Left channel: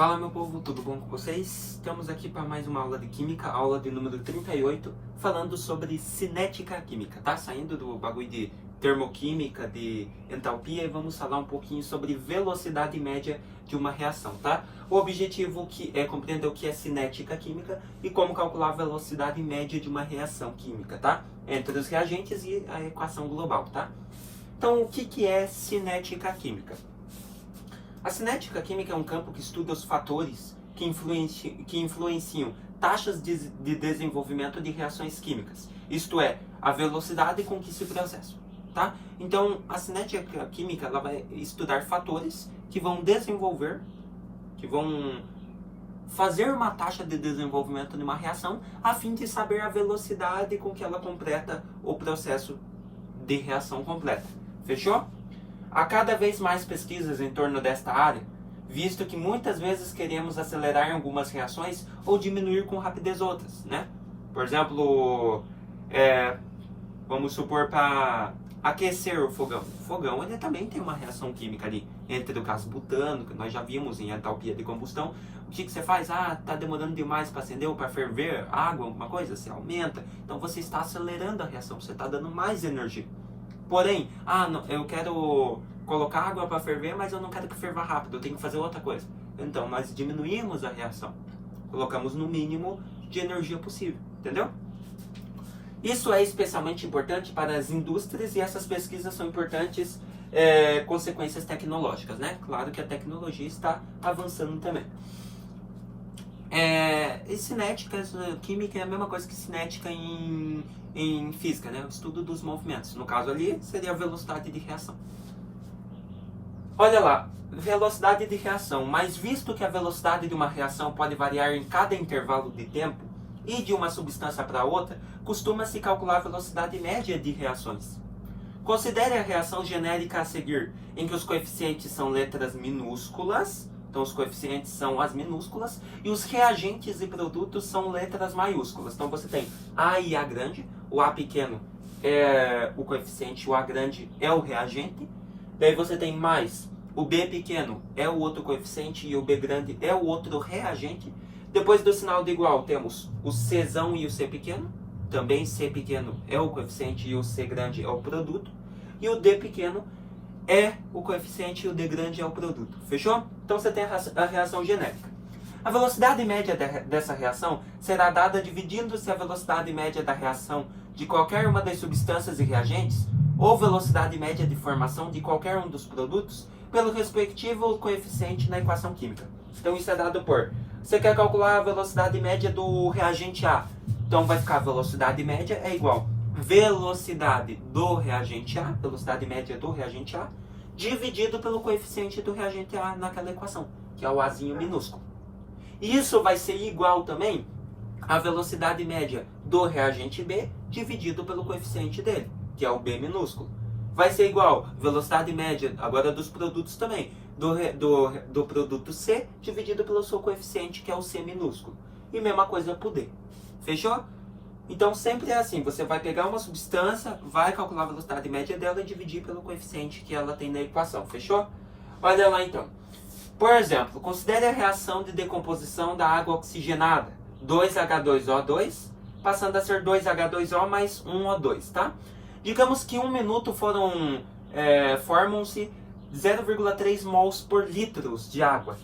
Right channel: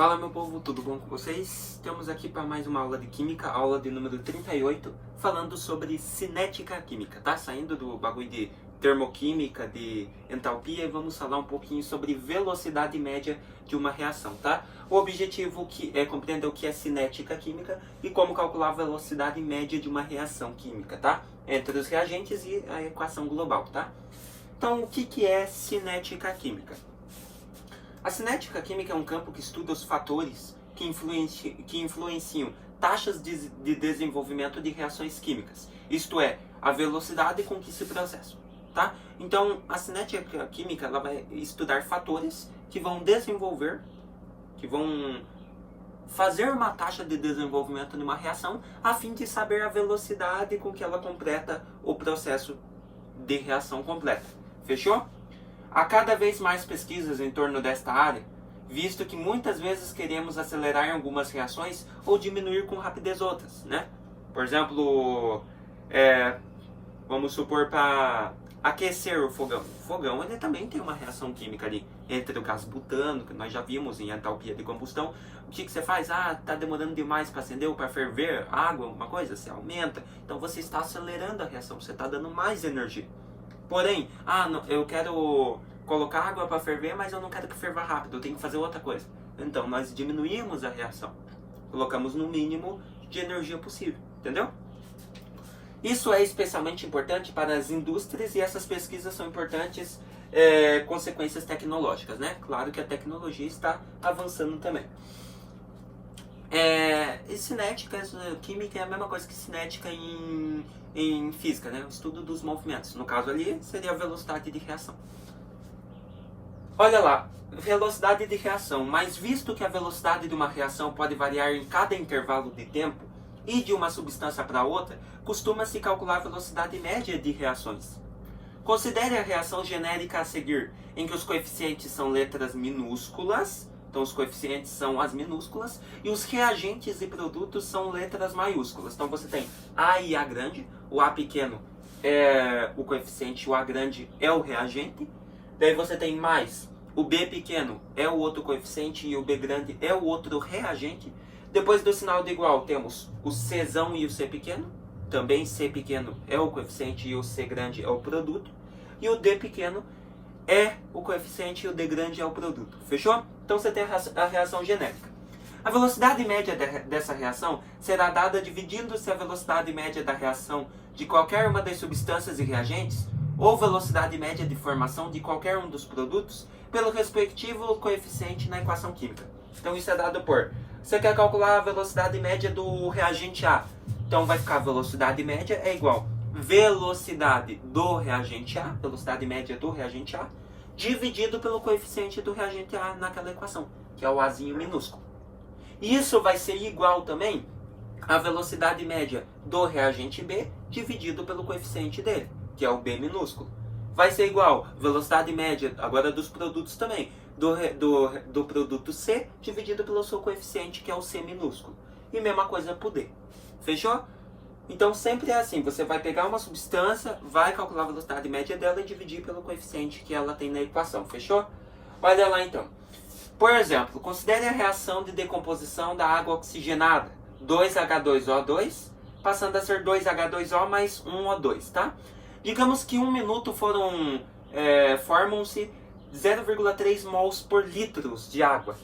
Fala, meu povo, tudo bom com vocês? Estamos aqui para mais uma aula de Química, aula de número 38, falando sobre cinética química, tá? Saindo do bagulho de termoquímica, de entalpia, e vamos falar um pouquinho sobre velocidade média de uma reação, tá? O objetivo é compreender o que é cinética química e como calcular a velocidade média de uma reação química, tá? Entre os reagentes e a equação global, tá? Então, o que é cinética química? A cinética química é um campo que estuda os fatores que influenciam taxas de desenvolvimento de reações químicas, isto é, a velocidade com que se processam. Tá? Então, a cinética química ela vai estudar fatores que vão fazer uma taxa de desenvolvimento de uma reação, a fim de saber a velocidade com que ela completa o processo de reação completa. Fechou? Há cada vez mais pesquisas em torno desta área, visto que muitas vezes queremos acelerar em algumas reações ou diminuir com rapidez outras, né? Por exemplo, vamos supor para aquecer o fogão. O fogão ele também tem uma reação química ali, entre o gás butano, que nós já vimos em entalpia de combustão. O que você faz? Tá demorando demais para acender ou para ferver água, alguma coisa? Você aumenta. Então você está acelerando a reação, você está dando mais energia. Porém, eu quero colocar água para ferver, mas eu não quero que ferva rápido, eu tenho que fazer outra coisa. Então, nós diminuímos a reação. Colocamos no mínimo de energia possível, entendeu? Isso é especialmente importante para as indústrias e essas pesquisas são importantes consequências tecnológicas, né? Claro que a tecnologia está avançando também. E cinética química é a mesma coisa que cinética em física, né? O estudo dos movimentos. No caso ali, seria a velocidade de reação. Olha lá, velocidade de reação. Mas visto que a velocidade de uma reação pode variar em cada intervalo de tempo e de uma substância para outra, costuma-se calcular a velocidade média de reações. Considere a reação genérica a seguir, em que os coeficientes são letras minúsculas. Então, os coeficientes são as minúsculas e os reagentes e produtos são letras maiúsculas. Então, você tem A e A grande. O A pequeno é o coeficiente, o A grande é o reagente. Daí você tem mais o B pequeno é o outro coeficiente e o B grande é o outro reagente. Depois do sinal de igual, temos o Czão e o C pequeno. Também C pequeno é o coeficiente e o C grande é o produto. E o D pequeno é o coeficiente e o D grande é o produto. Fechou? Então você tem a reação genérica. A velocidade média dessa reação será dada dividindo-se a velocidade média da reação de qualquer uma das substâncias e reagentes, ou velocidade média de formação de qualquer um dos produtos, pelo respectivo coeficiente na equação química. Então isso é dado por... Você quer calcular a velocidade média do reagente A. Então vai ficar a velocidade média é igual velocidade do reagente A, velocidade média do reagente A, dividido pelo coeficiente do reagente A naquela equação, que é o Azinho minúsculo. Isso vai ser igual também à velocidade média do reagente B, dividido pelo coeficiente dele, que é o B minúsculo. Vai ser igual à velocidade média, agora dos produtos também, do produto C, dividido pelo seu coeficiente, que é o C minúsculo. E mesma coisa para o D. Fechou? Então sempre é assim, você vai pegar uma substância, vai calcular a velocidade média dela e dividir pelo coeficiente que ela tem na equação, fechou? Olha lá então. Por exemplo, considere a reação de decomposição da água oxigenada, 2H2O2, passando a ser 2H2O mais 1O2, tá? Digamos que 1 minuto formam-se 0,3 mols por litro de água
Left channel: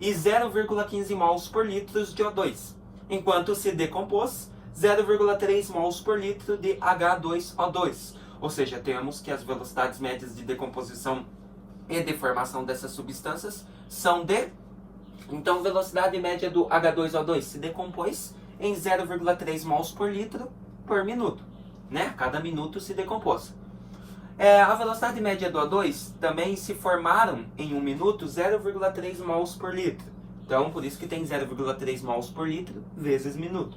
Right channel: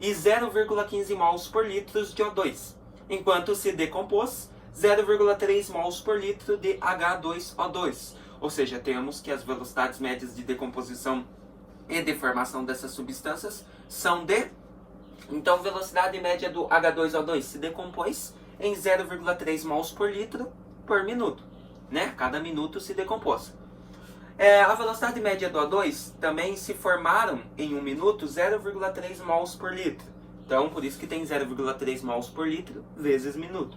e 0,15 mols por litro de O2, enquanto se decompôs 0,3 mols por litro de H2O2. Ou seja, temos que as velocidades médias de decomposição e de formação dessas substâncias são de... Então, velocidade média do H2O2 se decompôs em 0,3 mols por litro por minuto. Né? Cada minuto se decompôs. A velocidade média do O2 também se formaram em 1 minuto 0,3 mols por litro. Então, por isso que tem 0,3 mols por litro vezes minuto.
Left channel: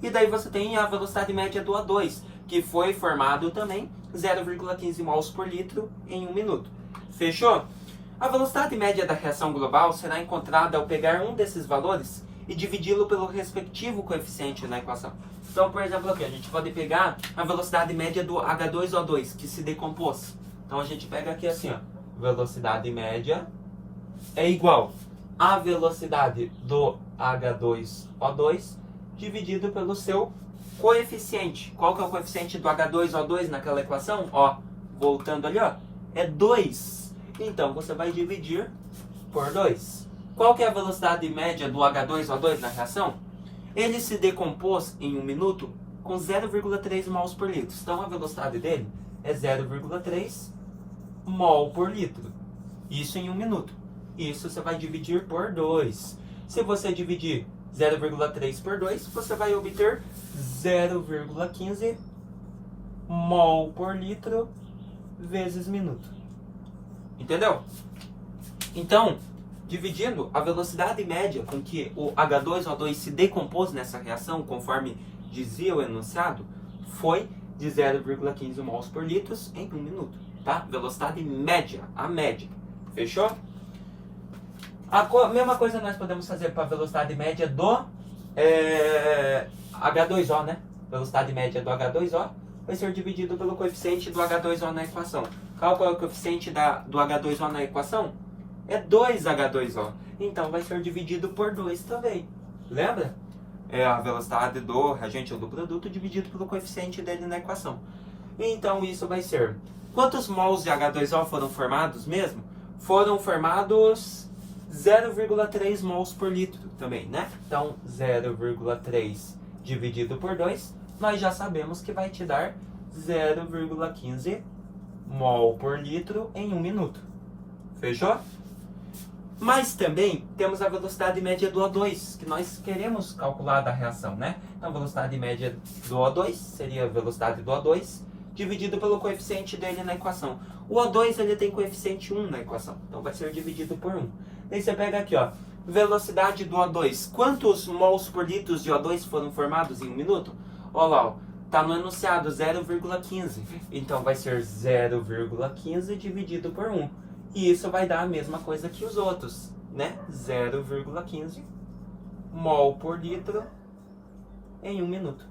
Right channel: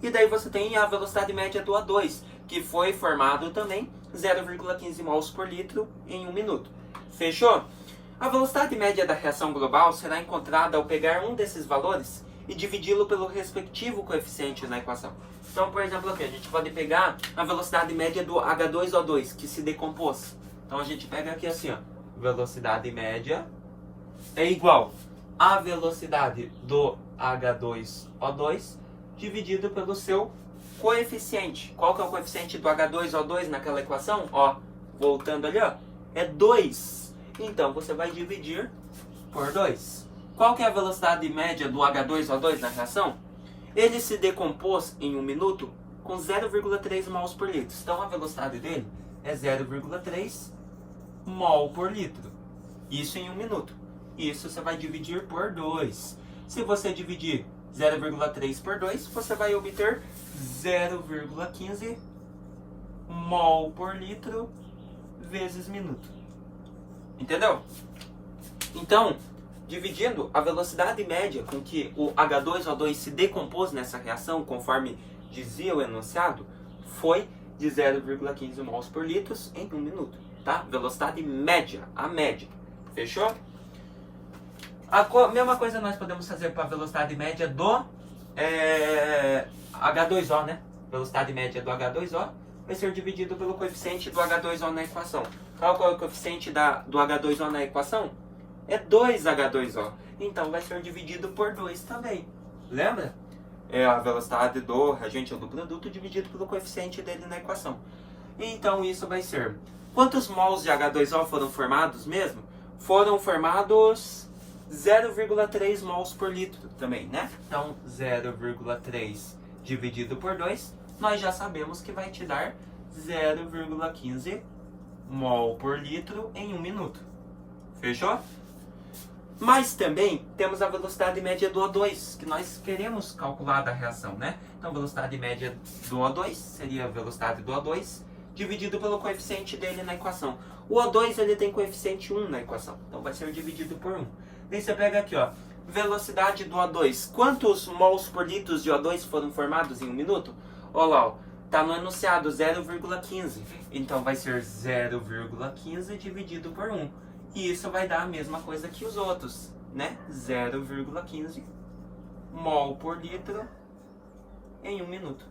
E daí você tem a velocidade média do O2, que foi formado também 0,15 mols por litro em 1 minuto. Fechou? A velocidade média da reação global será encontrada ao pegar um desses valores e dividi-lo pelo respectivo coeficiente na equação. Então, por exemplo, aqui a gente pode pegar a velocidade média do H2O2, que se decompôs. Então a gente pega aqui assim, ó, velocidade média é igual a velocidade do H2O2 dividido pelo seu coeficiente. Qual que é o coeficiente do H2O2 naquela equação? Ó, voltando ali, ó, é 2. Então, você vai dividir por 2. Qual que é a velocidade média do H2O2 na reação? Ele se decompôs em 1 minuto com 0,3 mols por litro. Então, a velocidade dele é 0,3 mol por litro. Isso em 1 minuto. Isso você vai dividir por 2. Se você dividir 0,3 por 2, você vai obter 0,15 mol por litro vezes minuto. Entendeu? Então, dividindo a velocidade média com que o H2O2 se decompôs nessa reação, conforme dizia o enunciado, foi de 0,15 mols por litro em 1 minuto. Tá? Velocidade média, a média. Fechou? A mesma coisa nós podemos fazer para a velocidade média do H2O, né? Velocidade média do H2O vai ser dividido pelo coeficiente do H2O na equação. Qual é o coeficiente do H2O na equação? É 2H2O. Então vai ser dividido por 2 também. Lembra? É a velocidade do reagente ou do produto dividido pelo coeficiente dele na equação. Então isso vai ser... Quantos mols de H2O foram formados mesmo? Foram formados 0,3 mols por litro também, né? Então 0,3 dividido por 2, nós já sabemos que vai te dar 0,15 mol por litro em 1 minuto. Fechou? Mas também temos a velocidade média do O2, que nós queremos calcular da reação, né? Então a velocidade média do O2 seria a velocidade do O2 dividido pelo coeficiente dele na equação. O O2 ele tem coeficiente 1 na equação, então vai ser dividido por 1. Daí você pega aqui, ó, velocidade do O2. Quantos mols por litro de O2 foram formados em 1 minuto? Olha lá, ó, tá no enunciado 0,15. Então vai ser 0,15 dividido por 1. E isso vai dar a mesma coisa que os outros, né? 0,15 mol por litro em 1 minuto.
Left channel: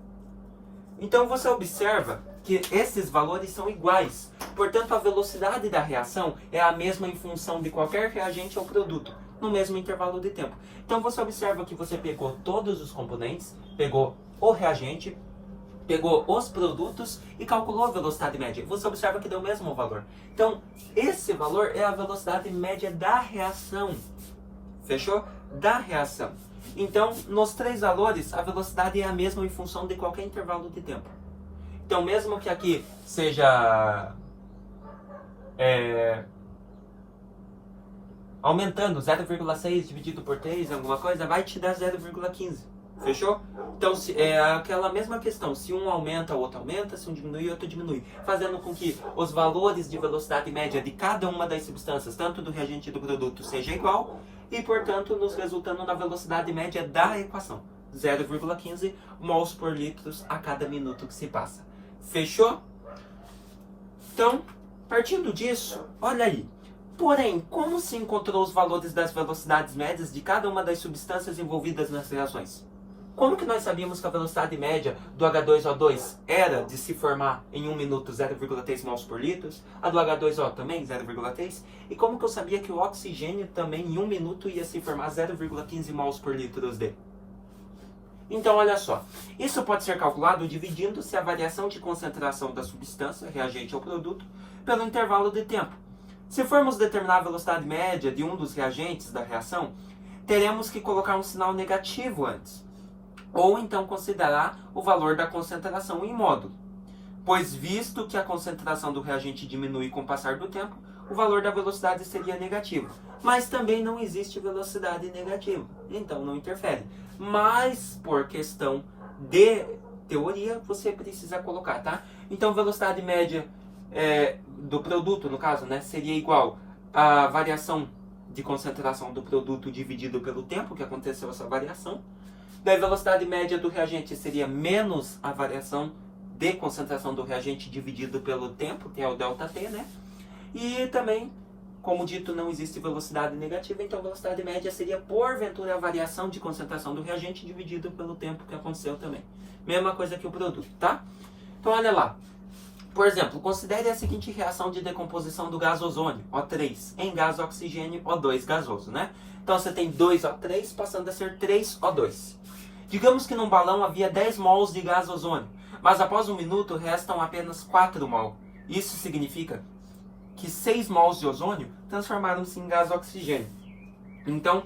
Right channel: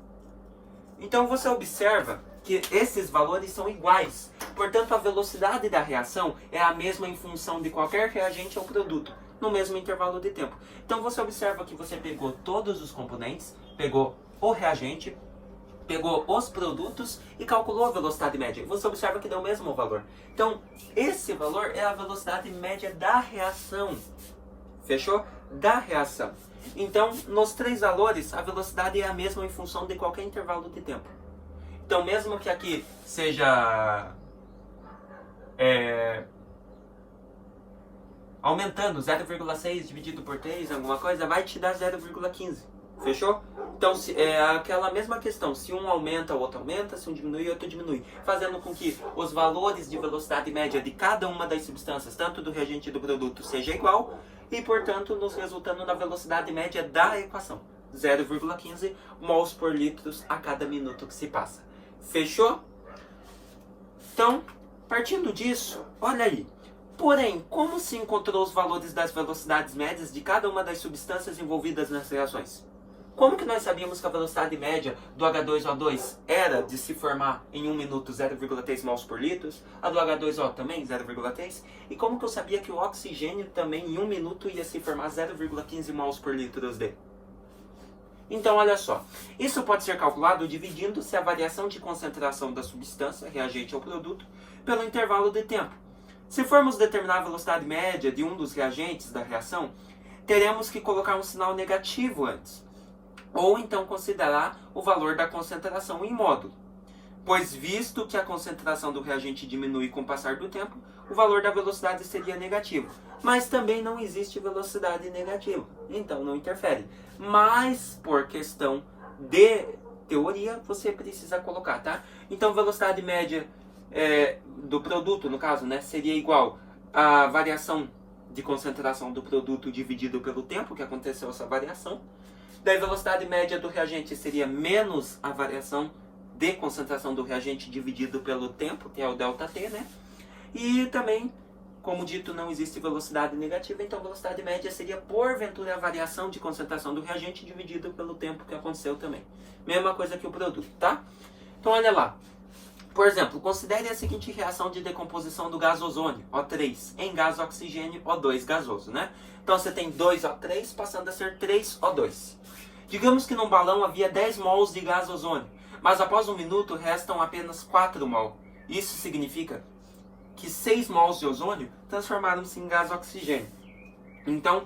Então você observa que esses valores são iguais. Portanto, a velocidade da reação é a mesma em função de qualquer reagente ou produto, no mesmo intervalo de tempo. Então você observa que você pegou todos os componentes, pegou o reagente, pegou os produtos e calculou a velocidade média. Você observa que deu o mesmo valor. Então, esse valor é a velocidade média da reação. Fechou? Da reação. Então, nos 3 valores, a velocidade é a mesma em função de qualquer intervalo de tempo. Então, mesmo que aqui seja aumentando 0,6 dividido por 3, alguma coisa, vai te dar 0,15. Fechou? Então, é aquela mesma questão. Se um aumenta, o outro aumenta. Se um diminui, o outro diminui. Fazendo com que os valores de velocidade média de cada uma das substâncias, tanto do reagente e do produto, seja igual. E, portanto, nos resultando na velocidade média da equação. 0,15 mols por litros a cada minuto que se passa. Fechou? Então, partindo disso, olha aí. Porém, como se encontrou os valores das velocidades médias de cada uma das substâncias envolvidas nas reações? Como que nós sabíamos que a velocidade média do H2O2 era de se formar em 1 minuto 0,3 mols por litro, a do H2O também 0,3, e como que eu sabia que o oxigênio também em 1 minuto ia se formar 0,15 mols por litro dele? Então, olha só, isso pode ser calculado dividindo-se a variação de concentração da substância, reagente ou produto, pelo intervalo de tempo. Se formos determinar a velocidade média de um dos reagentes da reação, teremos que colocar um sinal negativo antes, ou então considerar o valor da concentração em módulo. Pois visto que a concentração do reagente diminui com o passar do tempo, o valor da velocidade seria negativo. Mas também não existe velocidade negativa, então não interfere. Mas por questão de teoria, você precisa colocar, tá? Então velocidade média do produto, no caso, né, seria igual à variação de concentração do produto dividido pelo tempo que aconteceu essa variação. Daí a velocidade média do reagente seria menos a variação de concentração do reagente dividido pelo tempo, que é o ΔT, né? E também, como dito, não existe velocidade negativa, então a velocidade média seria, porventura, a variação de concentração do reagente dividido pelo tempo que aconteceu também. Mesma coisa que o produto, tá? Então, olha lá. Por exemplo, considere a seguinte reação de decomposição do gás ozônio, O3, em gás oxigênio, O2 gasoso, né? Então você tem 2O3 passando a ser 3O2. Digamos que num balão havia 10 mols de gás ozônio, mas após 1 minuto restam apenas 4 mol. Isso significa que 6 mols de ozônio transformaram-se em gás oxigênio. Então,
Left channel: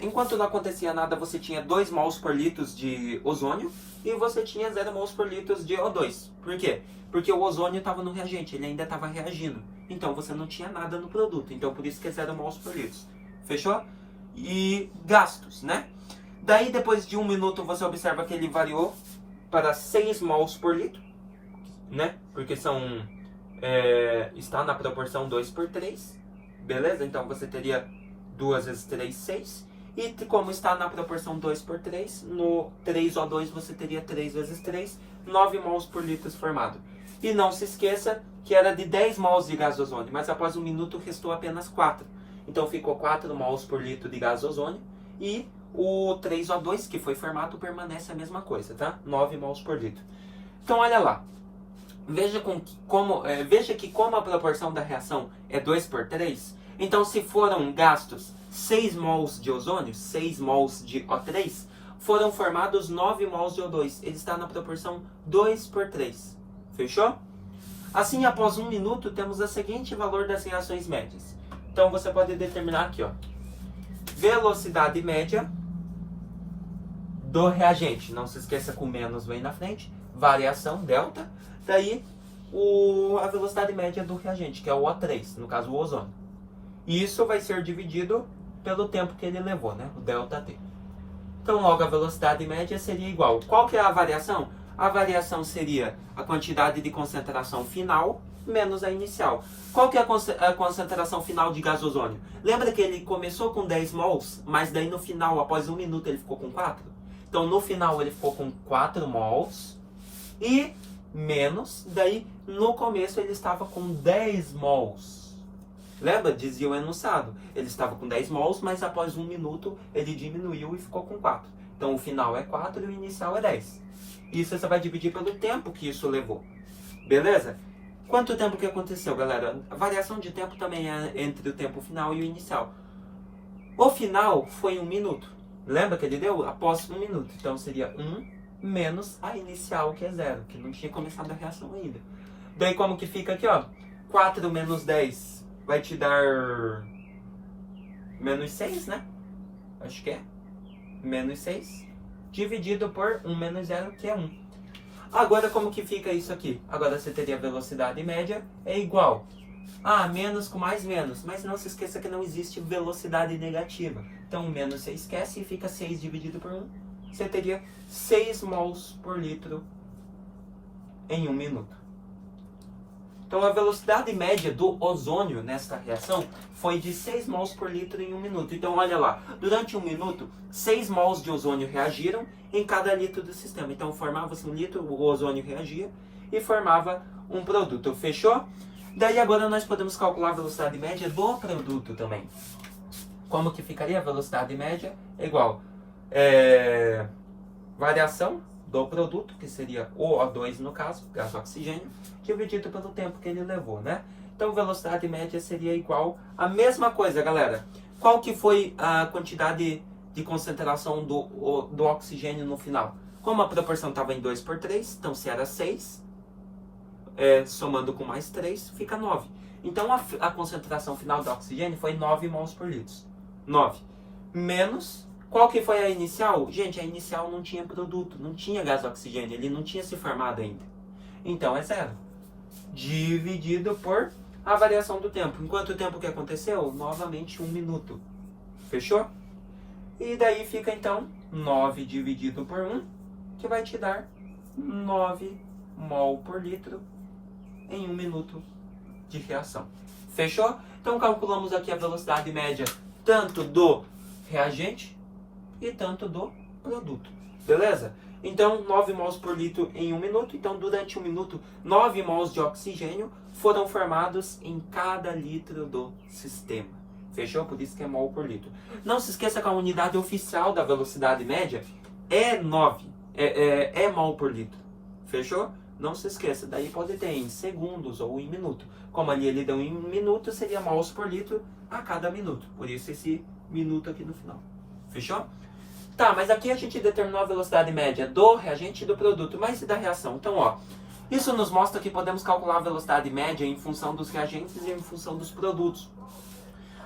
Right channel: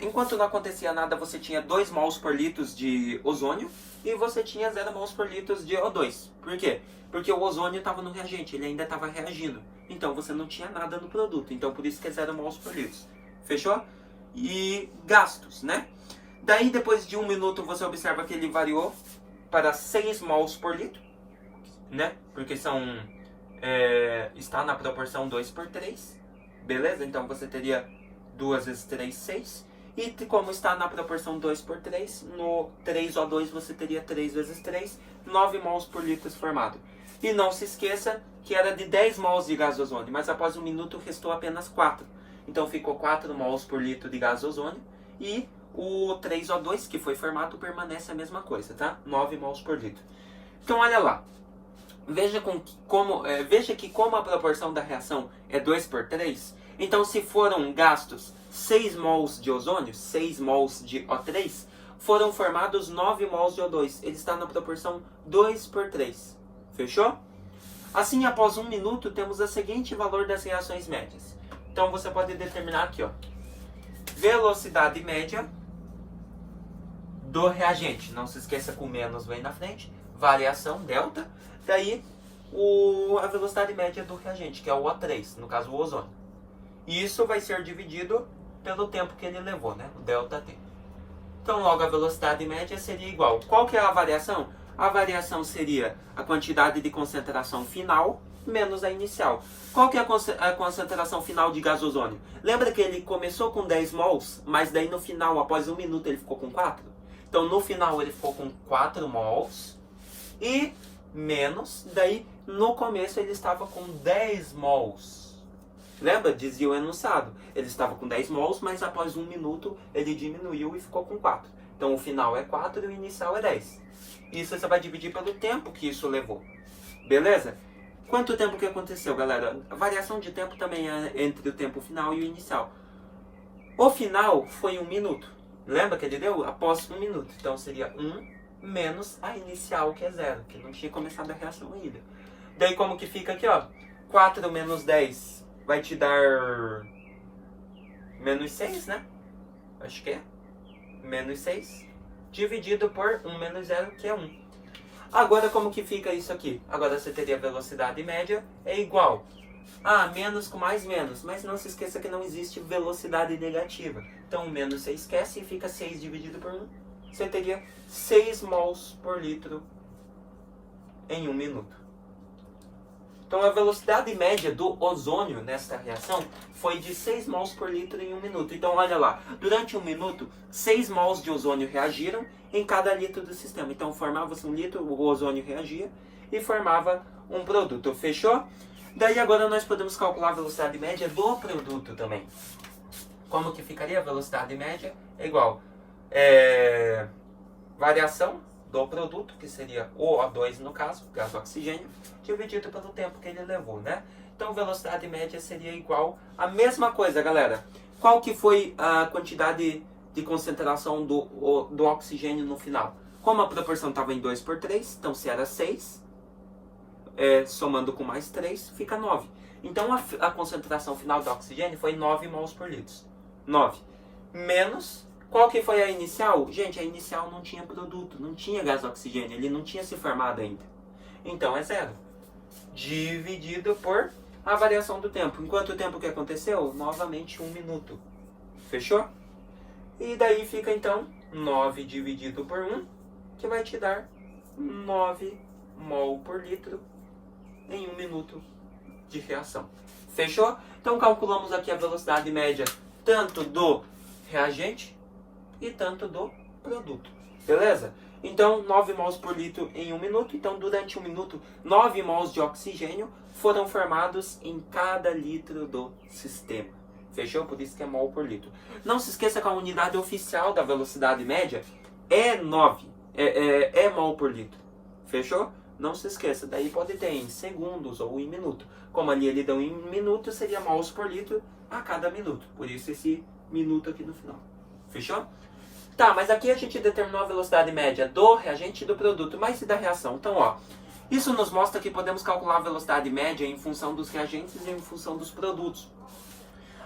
enquanto não acontecia nada, você tinha 2 mols por litro de ozônio e você tinha 0 mols por litro de O2. Por quê? Porque o ozônio estava no reagente, ele ainda estava reagindo. Então você não tinha nada no produto. Então por isso que é 0 mols por litro. Fechou? E gastos, né? Daí depois de 1 minuto você observa que ele variou para 6 mols por litro, né? Porque está na proporção 2 por 3. Beleza? Então você teria 2 vezes 3, 6. E como está na proporção 2 por 3, no 3O2 você teria 3 vezes 3, 9 mols por litro formado. E não se esqueça que era de 10 mols de gás ozônio, mas após 1 minuto restou apenas 4. Então ficou 4 mols por litro de gás ozônio e o 3O2 que foi formado permanece a mesma coisa, tá? 9 mols por litro. Então olha lá. Veja que como a proporção da reação é 2 por 3, então se foram gastos 6 mols de ozônio, 6 mols de O3, foram formados 9 mols de O2. Ele está na proporção 2 por 3. Fechou? Assim, após 1 minuto, temos o seguinte valor das reações médias. Então você pode determinar aqui, ó, velocidade média do reagente. Não se esqueça que o menos vem na frente. Variação, delta. Daí, a velocidade média do reagente, que é o O3, no caso o ozônio. E isso vai ser dividido pelo tempo que ele levou, né? O ΔT. Então, logo, a velocidade média seria igual. Qual que é a variação? A variação seria a quantidade de concentração final menos a inicial. Qual que é a concentração final de gás ozônio? Lembra que ele começou com 10 mols, mas daí no final, após 1 minuto, ele ficou com 4? Então, no final, ele ficou com 4 mols e menos, daí no começo ele estava com 10 mols. Lembra? Dizia o enunciado. Ele estava com 10 mols, mas após 1 minuto ele diminuiu e ficou com 4. Então o final é 4 e o inicial é 10. Isso você vai dividir pelo tempo que isso levou. Beleza? Quanto tempo que aconteceu, galera? A variação de tempo também é entre o tempo final e o inicial. O final foi 1 minuto. Lembra que ele deu? Após 1 minuto. Então seria 1 menos a inicial, que é 0, que não tinha começado a reação ainda. Daí como que fica aqui, ó? 4 menos 10 vai te dar menos 6, né? Acho que é. Menos 6. Dividido por 1 menos 0, que é 1. Agora como que fica isso aqui? Agora você teria a velocidade média é igual. Menos com mais menos. Mas não se esqueça que não existe velocidade negativa. Então menos você esquece e fica 6 dividido por 1. Você teria 6 mols por litro em 1 minuto. Então a velocidade média do ozônio nesta reação foi de 6 mols por litro em 1 minuto. Então olha lá, durante 1 minuto, 6 mols de ozônio reagiram em cada litro do sistema. Então formava-se 1 litro, o ozônio reagia e formava um produto. Fechou? Daí agora nós podemos calcular a velocidade média do produto também. Como que ficaria a velocidade média? É igual variação do produto, que seria o O2 no caso, gás oxigênio, dividido pelo tempo que ele levou, né? Então velocidade média seria igual a mesma coisa, galera. Qual que foi a quantidade de concentração do oxigênio no final? Como a proporção estava em 2 por 3, então se era 6, somando com mais 3, fica 9. Então a concentração final do oxigênio foi 9 mols por litro. 9. Menos... Qual que foi a inicial? Gente, a inicial não tinha produto, não tinha gás oxigênio, ele não tinha se formado ainda. Então é 0. Dividido por a variação do tempo. Em quanto tempo que aconteceu? Novamente 1 minuto. Fechou? E daí fica então 9 dividido por 1, que vai te dar 9 mol por litro em 1 minuto de reação. Fechou? Então calculamos aqui a velocidade média tanto do reagente e tanto do produto. Beleza? Então, 9 mols por litro em 1 minuto. Então, durante 1 minuto, 9 mols de oxigênio foram formados em cada litro do sistema. Fechou? Por isso que é mol por litro. Não se esqueça que a unidade oficial da velocidade média é 9. É mol por litro. Fechou? Não se esqueça, daí pode ter em segundos ou em minuto. Como ali ele deu em minuto, seria mols por litro a cada minuto. Por isso esse minuto aqui no final. Fechou? Tá, mas aqui a gente determinou a velocidade média do reagente e do produto, mas e da reação? Então, ó, isso nos mostra que podemos calcular a velocidade média em função dos reagentes e em função dos produtos.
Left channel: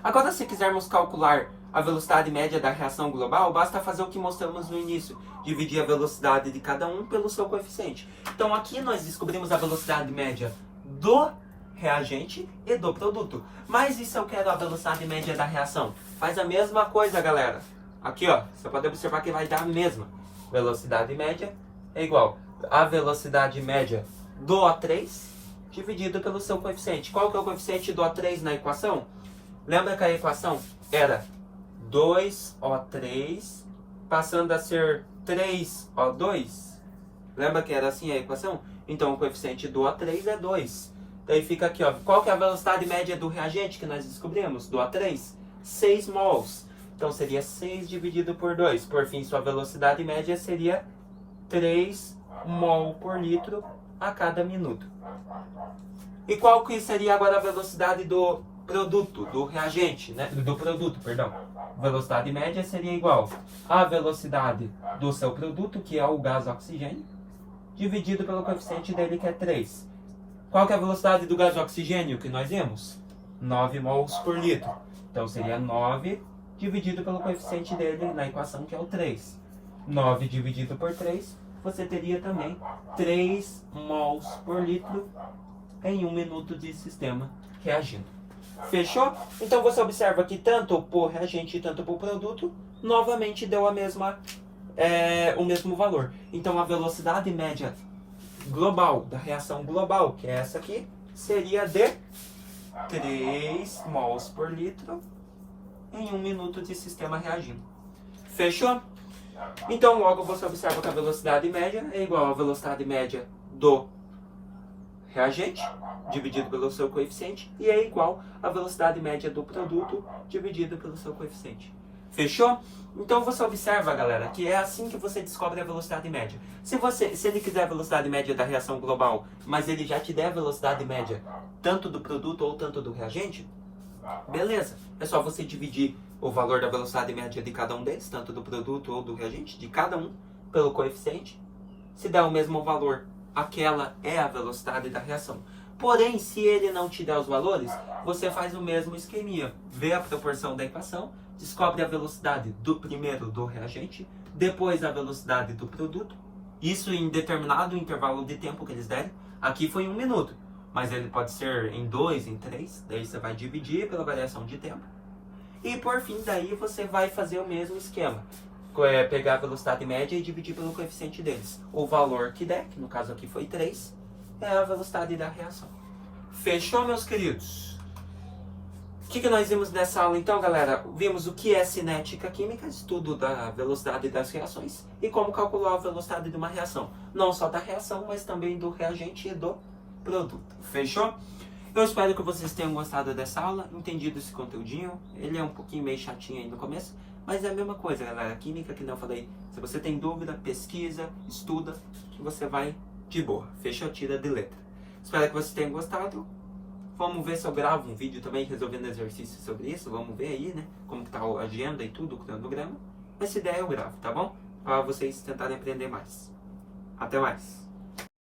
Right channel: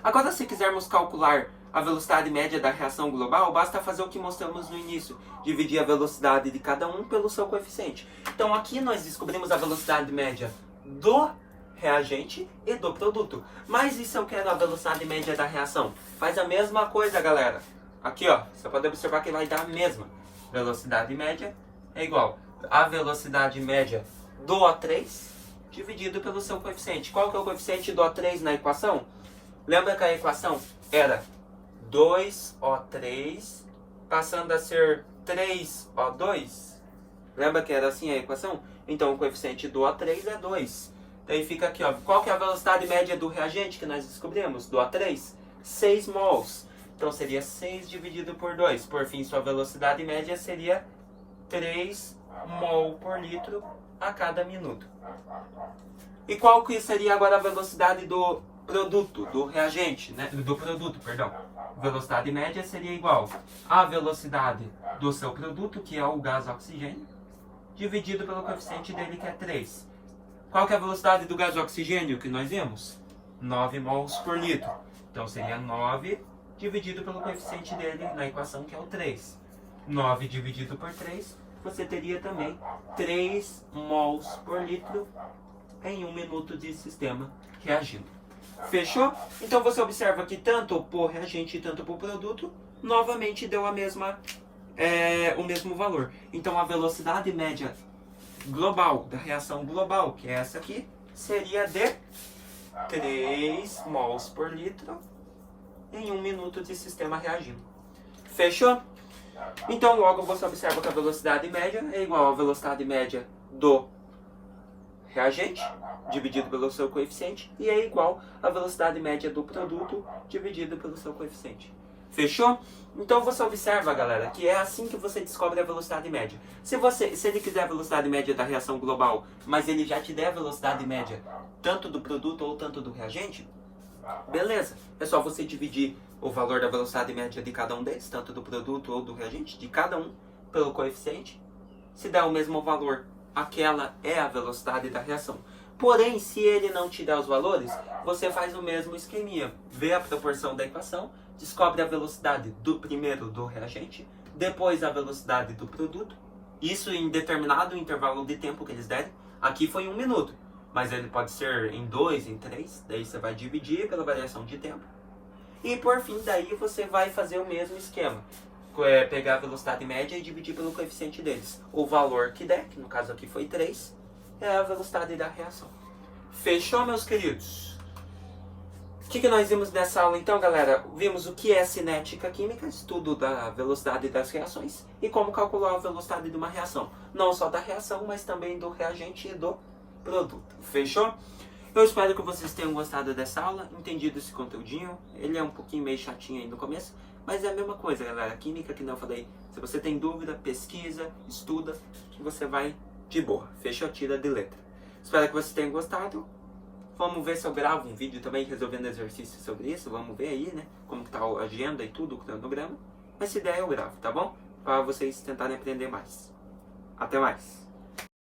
Agora, se quisermos calcular a velocidade média da reação global, basta fazer o que mostramos no início, dividir a velocidade de cada um pelo seu coeficiente. Então, aqui nós descobrimos a velocidade média do reagente e do produto. Mas e se eu quero a velocidade média da reação? Faz a mesma coisa, galera. Aqui, ó, você pode observar que vai dar a mesma. Velocidade média é igual a velocidade média do O3 dividido pelo seu coeficiente. Qual que é o coeficiente do O3 na equação? Lembra que a equação era 2O3 passando a ser 3O2? Lembra que era assim a equação? Então o coeficiente do O3 é 2. Daí fica aqui, ó. Qual que é a velocidade média do reagente que nós descobrimos? Do O3? 6 mols. Então seria 6 dividido por 2. Por fim, sua velocidade média seria 3 mol por litro a cada minuto. E qual que seria agora a velocidade do produto, do reagente, né? Do produto, perdão. Velocidade média seria igual à velocidade do seu produto, que é o gás oxigênio, dividido pelo coeficiente dele, que é 3. Qual que é a velocidade do gás oxigênio que nós vimos? 9 mols por litro. Então seria 9 dividido pelo coeficiente dele na equação, que é o 3. 9 dividido por 3, você teria também 3 mols por litro em 1 minuto de sistema reagindo. Fechou? Então você observa que tanto para o reagente e tanto para o produto, novamente deu a mesma, o mesmo valor. Então a velocidade média global, da reação global, que é essa aqui, seria de 3 mols por litro em 1 minuto de sistema reagindo. Fechou? Então logo você observa que a velocidade média é igual à velocidade média do reagente dividido pelo seu coeficiente e é igual à velocidade média do produto dividido pelo seu coeficiente. Fechou? Então você observa, galera, que é assim que você descobre a velocidade média. Se ele quiser a velocidade média da reação global, mas ele já te der a velocidade média tanto do produto ou tanto do reagente, beleza. É só você dividir o valor da velocidade média de cada um deles, tanto do produto ou do reagente, de cada um, pelo coeficiente. Se der o mesmo valor, aquela é a velocidade da reação. Porém, se ele não te der os valores, você faz o mesmo esqueminha. Vê a proporção da equação, descobre a velocidade do primeiro do reagente, depois a velocidade do produto. Isso em determinado intervalo de tempo que eles derem. Aqui foi 1 minuto, mas ele pode ser em 2, em 3. Daí você vai dividir pela variação de tempo. E por fim, daí você vai fazer o mesmo esquema. Pegar a velocidade média e dividir pelo coeficiente deles. O valor que der, que no caso aqui foi 3, é a velocidade da reação. Fechou, meus queridos? O que nós vimos nessa aula então, galera? Vimos o que é cinética química, estudo da velocidade das reações, e como calcular a velocidade de uma reação. Não só da reação, mas também do reagente e do produto. Fechou? Eu espero que vocês tenham gostado dessa aula, entendido esse conteúdinho. Ele é um pouquinho meio chatinho aí no começo, mas é a mesma coisa, galera. Química, que não eu falei, se você tem dúvida, pesquisa, estuda, que você vai de boa. Fechou? Tira de letra. Espero que vocês tenham gostado. Vamos ver se eu gravo um vídeo também resolvendo exercícios sobre isso. Vamos ver aí, né? Como que tá a agenda e tudo, o cronograma. Mas se der, eu gravo, tá bom? Para vocês tentarem aprender mais. Até mais.